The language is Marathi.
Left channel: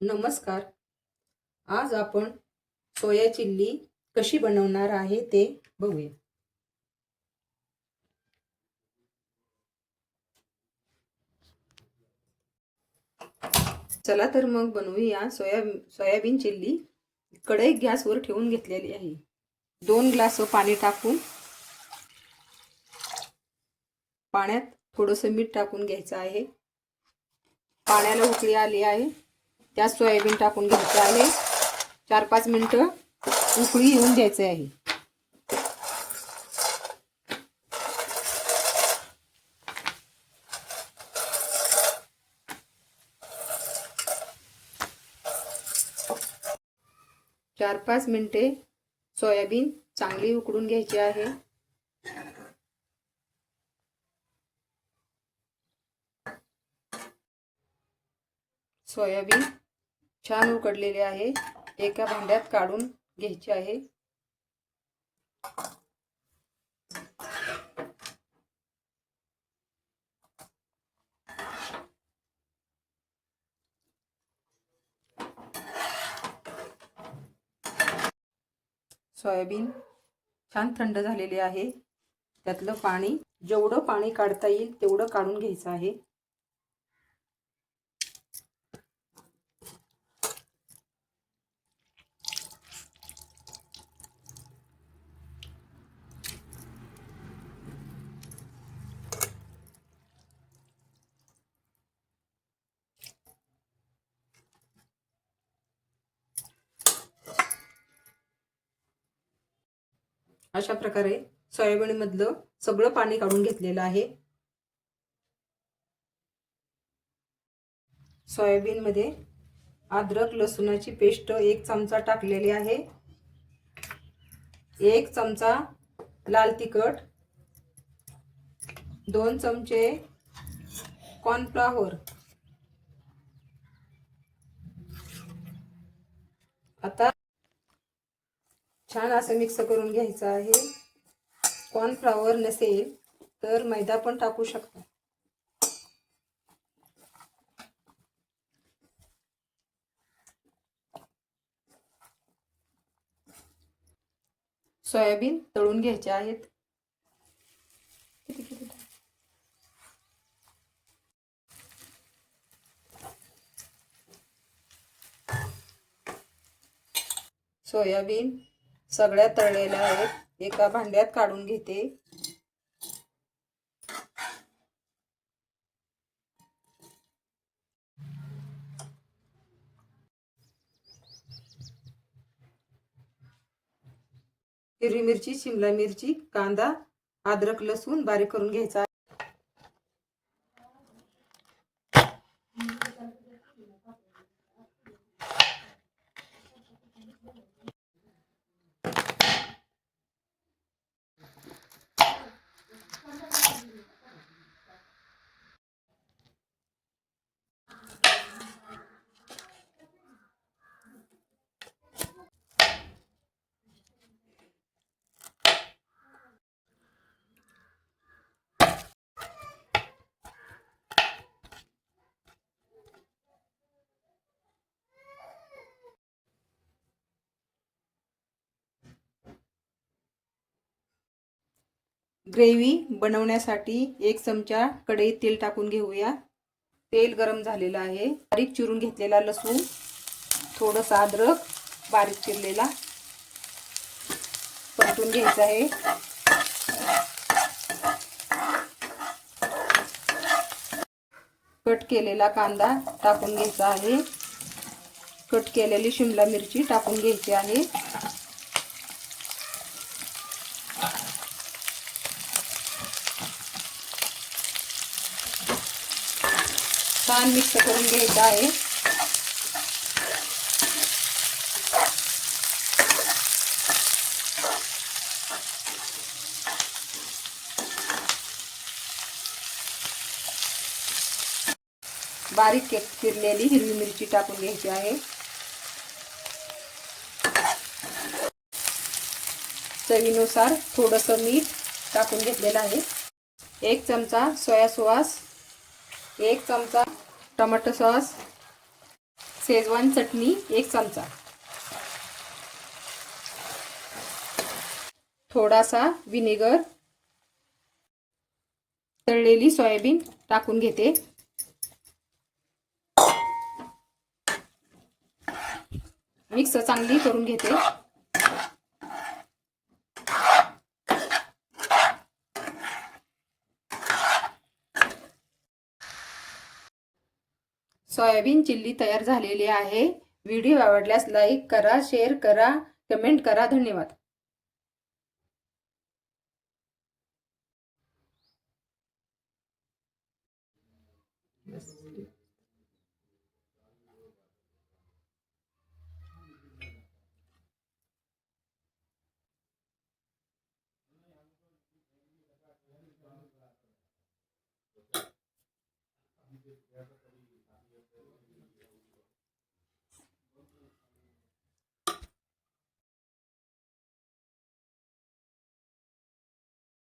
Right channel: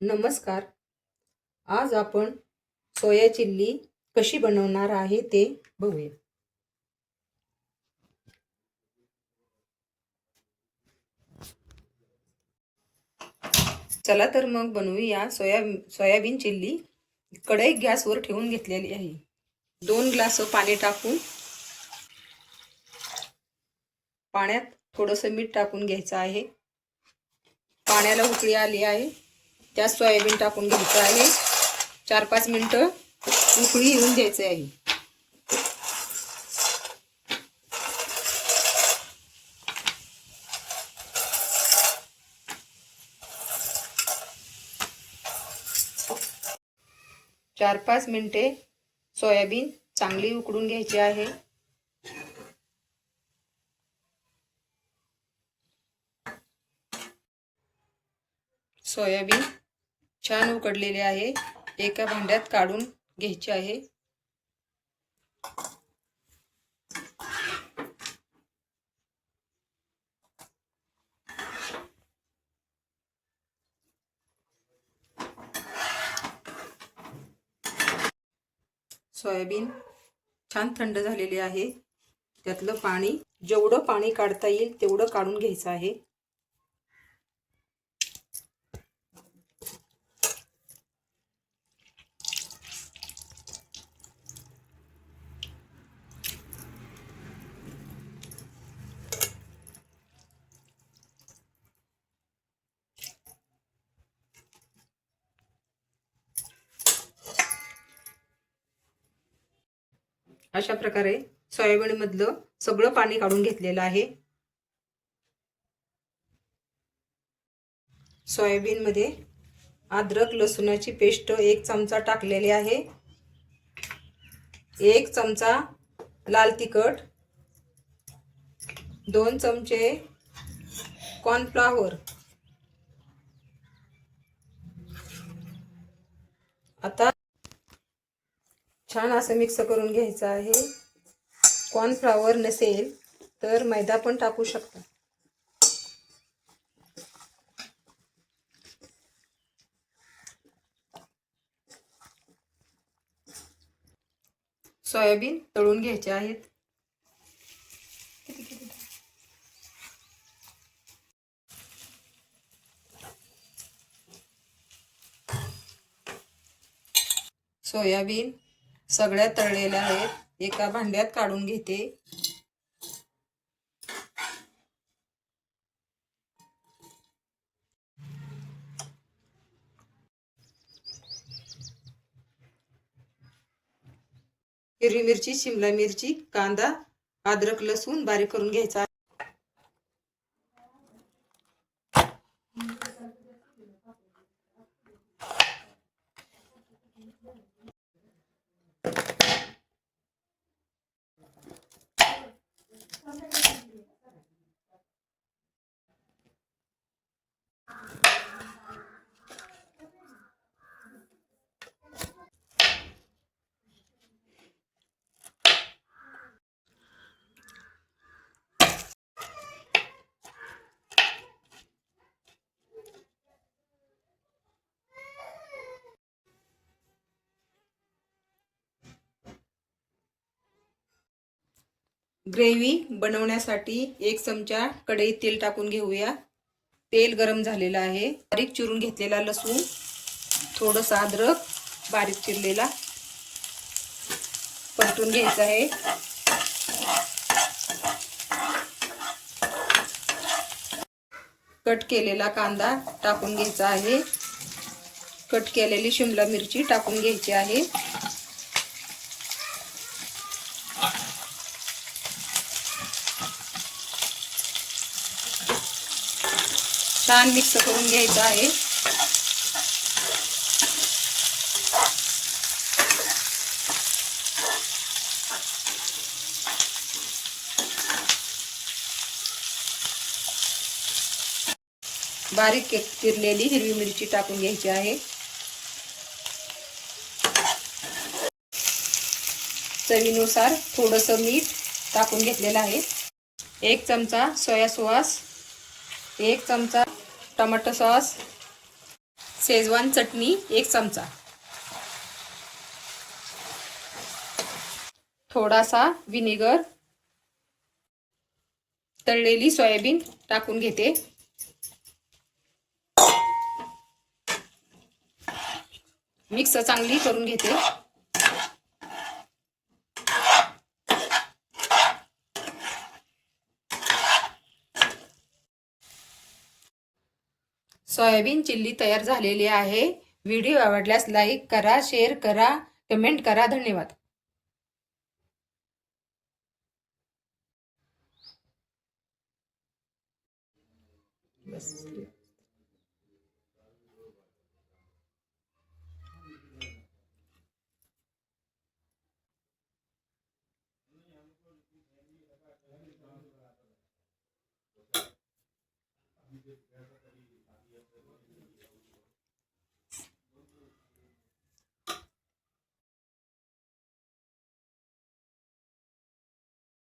नमस्कार. आज आपण सोया चिल्ली कशी बनवणार आहे ते बघूया. चला तर मग बनवूया सोयाबीन चिल्ली. कढई गॅसवर ठेवून घेतलेली आहे. 2 ग्लास पाणी टाकून पाण्यात थोडंसं मीठ टाकून घ्यायचं आहे. पाण्याला उकळी आली आहे. त्यात सोयाबीन टाकून घ्यायचं आहे. 4-5 मिनिटं उकळी येऊन द्यायचं आहे. चार 5 मिनिटे सोयाबीन चांगली उकडून घ्यायची आहे. सोयाबीन छान उकडलेले आहे. एका भांड्यात काढून घ्यायचे आहे. सोयाबीन छान थंड झालेली आहे. त्यातलं पाणी जेवढं पाणी काढता येईल तेवढं काढून घ्यायचं आहे. अशा प्रकारे सोयाबीन मधलं सगळं पाणी काढून घेतलेलं आहे. सोयाबीन मध्ये अद्रक लसूणाची पेस्ट 1 चमचा टाकलेली आहे. 1 चमचा लाल तिखट, 2 चमचे कॉर्नफ्लॉवर. आता छान असं मिक्स करून घ्यायचं आहे. कॉर्नफ्लॉवर नसेल तर मैदा पण टाकू शकता. सोयाबीन तळून घ्यायचे आहेत. सोयाबीन सगळ्या तळलेल्या आहेत. एका भांड्यात काढून घेते. हिरवी मिरची, शिमला मिरची, कांदा, अद्रक लसूण बारीक करून घ्यायचा. ग्रेव्ही बनवण्यासाठी 1 चमचा कढईत तेल टाकून घेऊया. तेल गरम झालेलं आहे. बारीक चिरून घेतलेला लसूण, थोडंसं अद्रक बारीक चिरलेला परतून घ्यायचा आहे. कट केलेला कांदा टाकून घ्यायचा आहे. कट केलेली शिमला मिरची टाकून घ्यायची आहे. छान मिक्स करून घ्यायचं आहे. बारीक चिरलेली हिरवी मिरची टाकून घ्यायची आहे. चवीनुसार थोडंसं मीठ टाकून घेतलेलं आहे. 1 चमचा सोया सॉस, 1 चमचा टोमॅटो सॉस, शेजवान चटणी 1 चमचा, थोडासा विनेगर, तळलेली सोयाबीन टाकून घेते, मिक्स चांगली करून घेते। सोयाबीन चिल्ली तयार झालेली आहे। व्हिडिओ आवडल्यास लाईक करा, शेअर करा, कमेंट करा। धन्यवाद।